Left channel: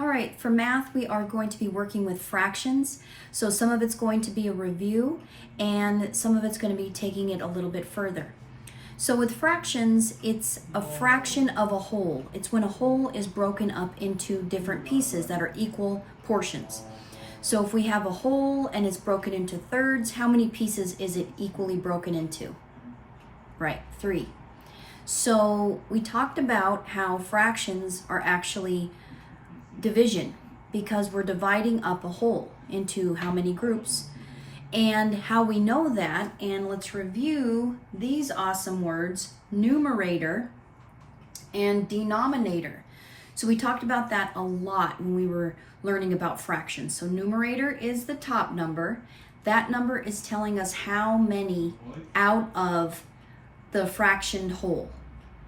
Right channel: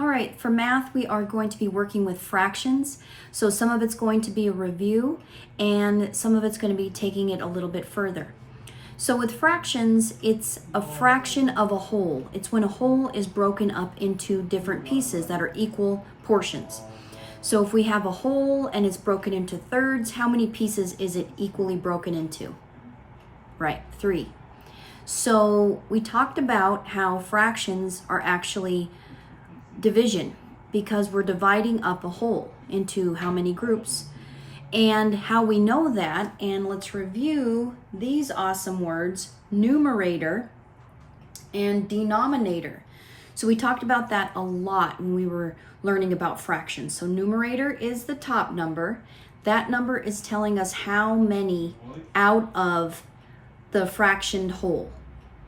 All right, for math, we are going to be working with fractions. So some of it's going to be a review and some of it's going to be taking it a little bit further. So with fractions, it's a fraction of a whole. It's when a whole is broken up into different pieces that are equal portions. So if we have a whole and it's broken into thirds, how many pieces is it equally broken into? Right, 3. So we talked about how fractions are actually division because we're dividing up a whole into how many groups, and how we know that. And let's review these awesome words: numerator and denominator. So we talked about that a lot when we were learning about fractions. So numerator is the top number. That number is telling us how many out of the fractioned whole.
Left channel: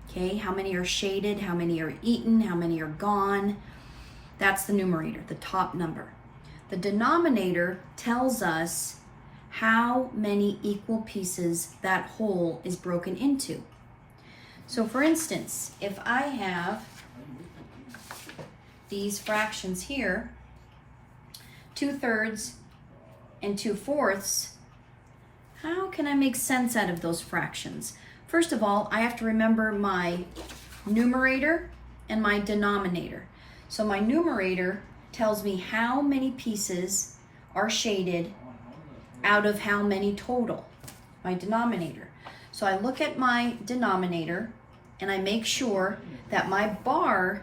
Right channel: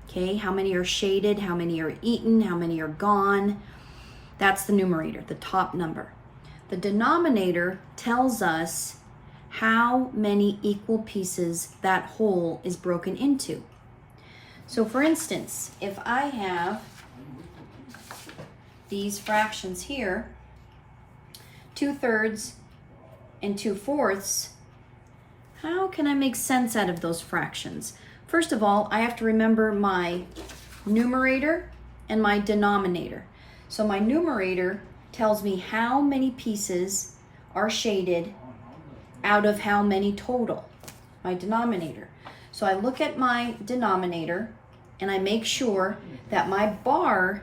Okay, how many are shaded, how many are eaten, how many are gone. That's the numerator, the top number. The denominator tells us how many equal pieces that whole is broken into. So for instance, if I have these fractions here, 2/3 and 2/4, how can I make sense out of those fractions? First of all, I have to remember my numerator and my denominator. So my numerator tells me how many pieces are shaded out of how many total, my denominator. So I look at my denominator and I make sure that my bar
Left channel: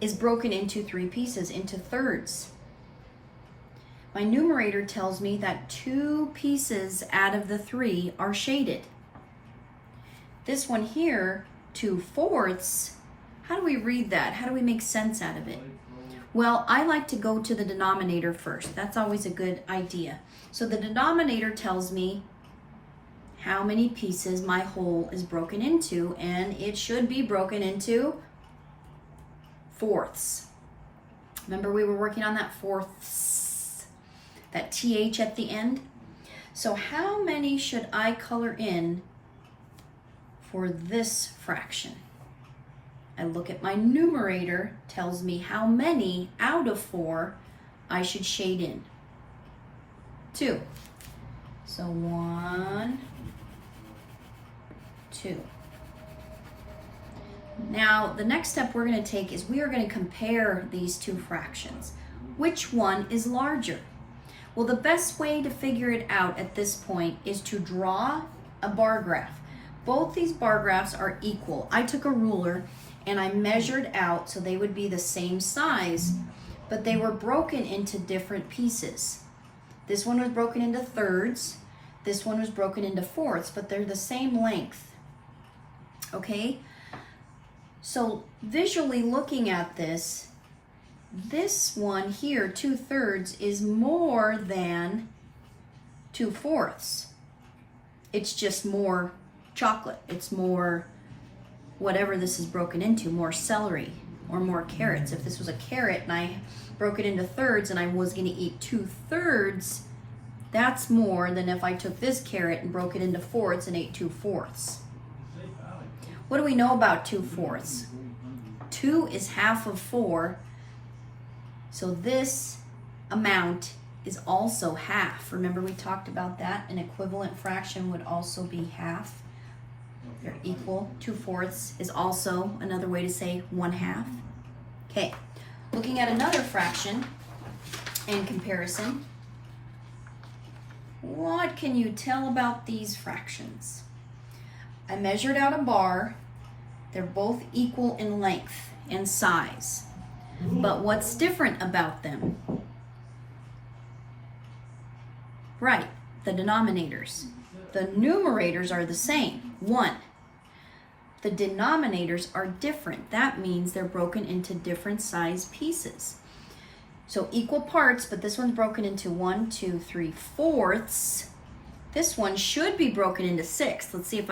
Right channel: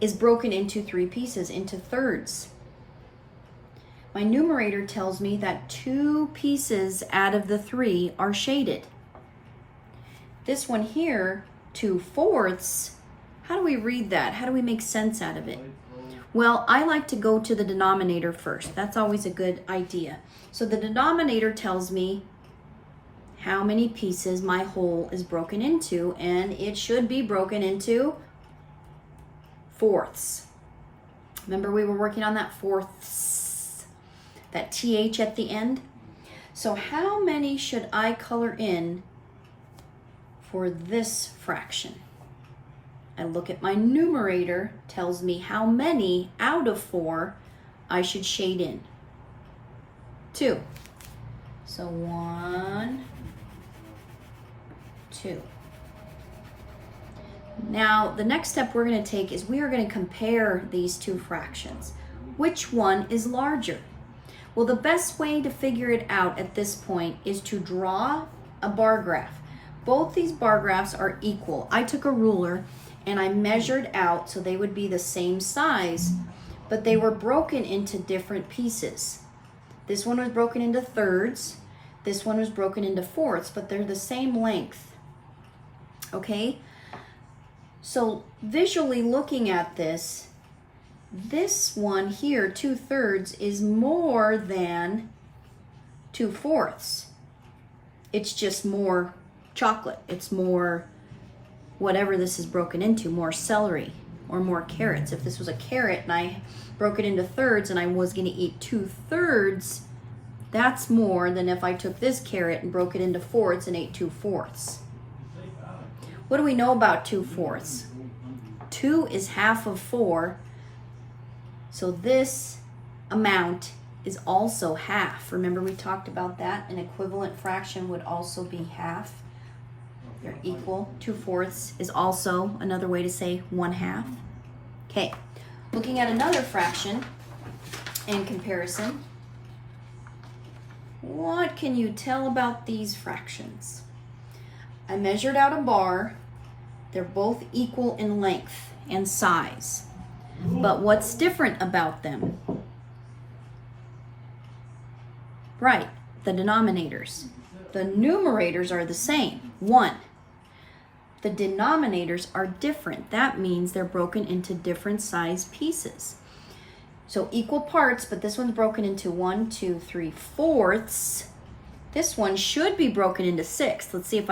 is broken into 3 pieces, into thirds. My numerator tells me that 2 pieces out of the 3 are shaded. This one here, 2/4, how do we read that? How do we make sense out of it? Well, I like to go to the denominator first. That's always a good idea. So the denominator tells me how many pieces my whole is broken into, and it should be broken into fourths. Remember we were working on that fourths, that TH at the end? So how many should I color in for this fraction? I look at my numerator, tells me how many out of 4 I should shade in. 2. So 1, 2. Now the next step we're going to take is we are going to compare these 2 fractions. Which one is larger? Well, the best way to figure it out at this point is to draw a bar graph. Both these bar graphs are equal. I took a ruler and I measured out so they would be the same size, but they were broken into different pieces. This one was broken into thirds, this one was broken into fourths, but they're the same length. Okay? So visually looking at this one here, 2/3, is more than 2/4. It's just more chocolate. It's more whatever this is broken into, more celery or more carrots. If this was a carrot and I broke it into thirds and I was going to eat 2/3, that's more than if I took this carrot and broke it into fourths and ate 2/4. What do we know about 2/4? 2 is half of 4, so this amount is also half. Remember we talked about that? An equivalent fraction would also be half. They're equal. 2/4 is also another way to say 1/2. Okay, looking at another fraction in comparison, what can you tell about these fractions? I measured out a bar. They're both equal in length and size. But what's different about them? Right, the denominators. The numerators are the same, 1. The denominators are different. That means they're broken into different size pieces. So equal parts, but this one's broken into 1, 2, 3/4. This one should be broken into 6. Let's see if I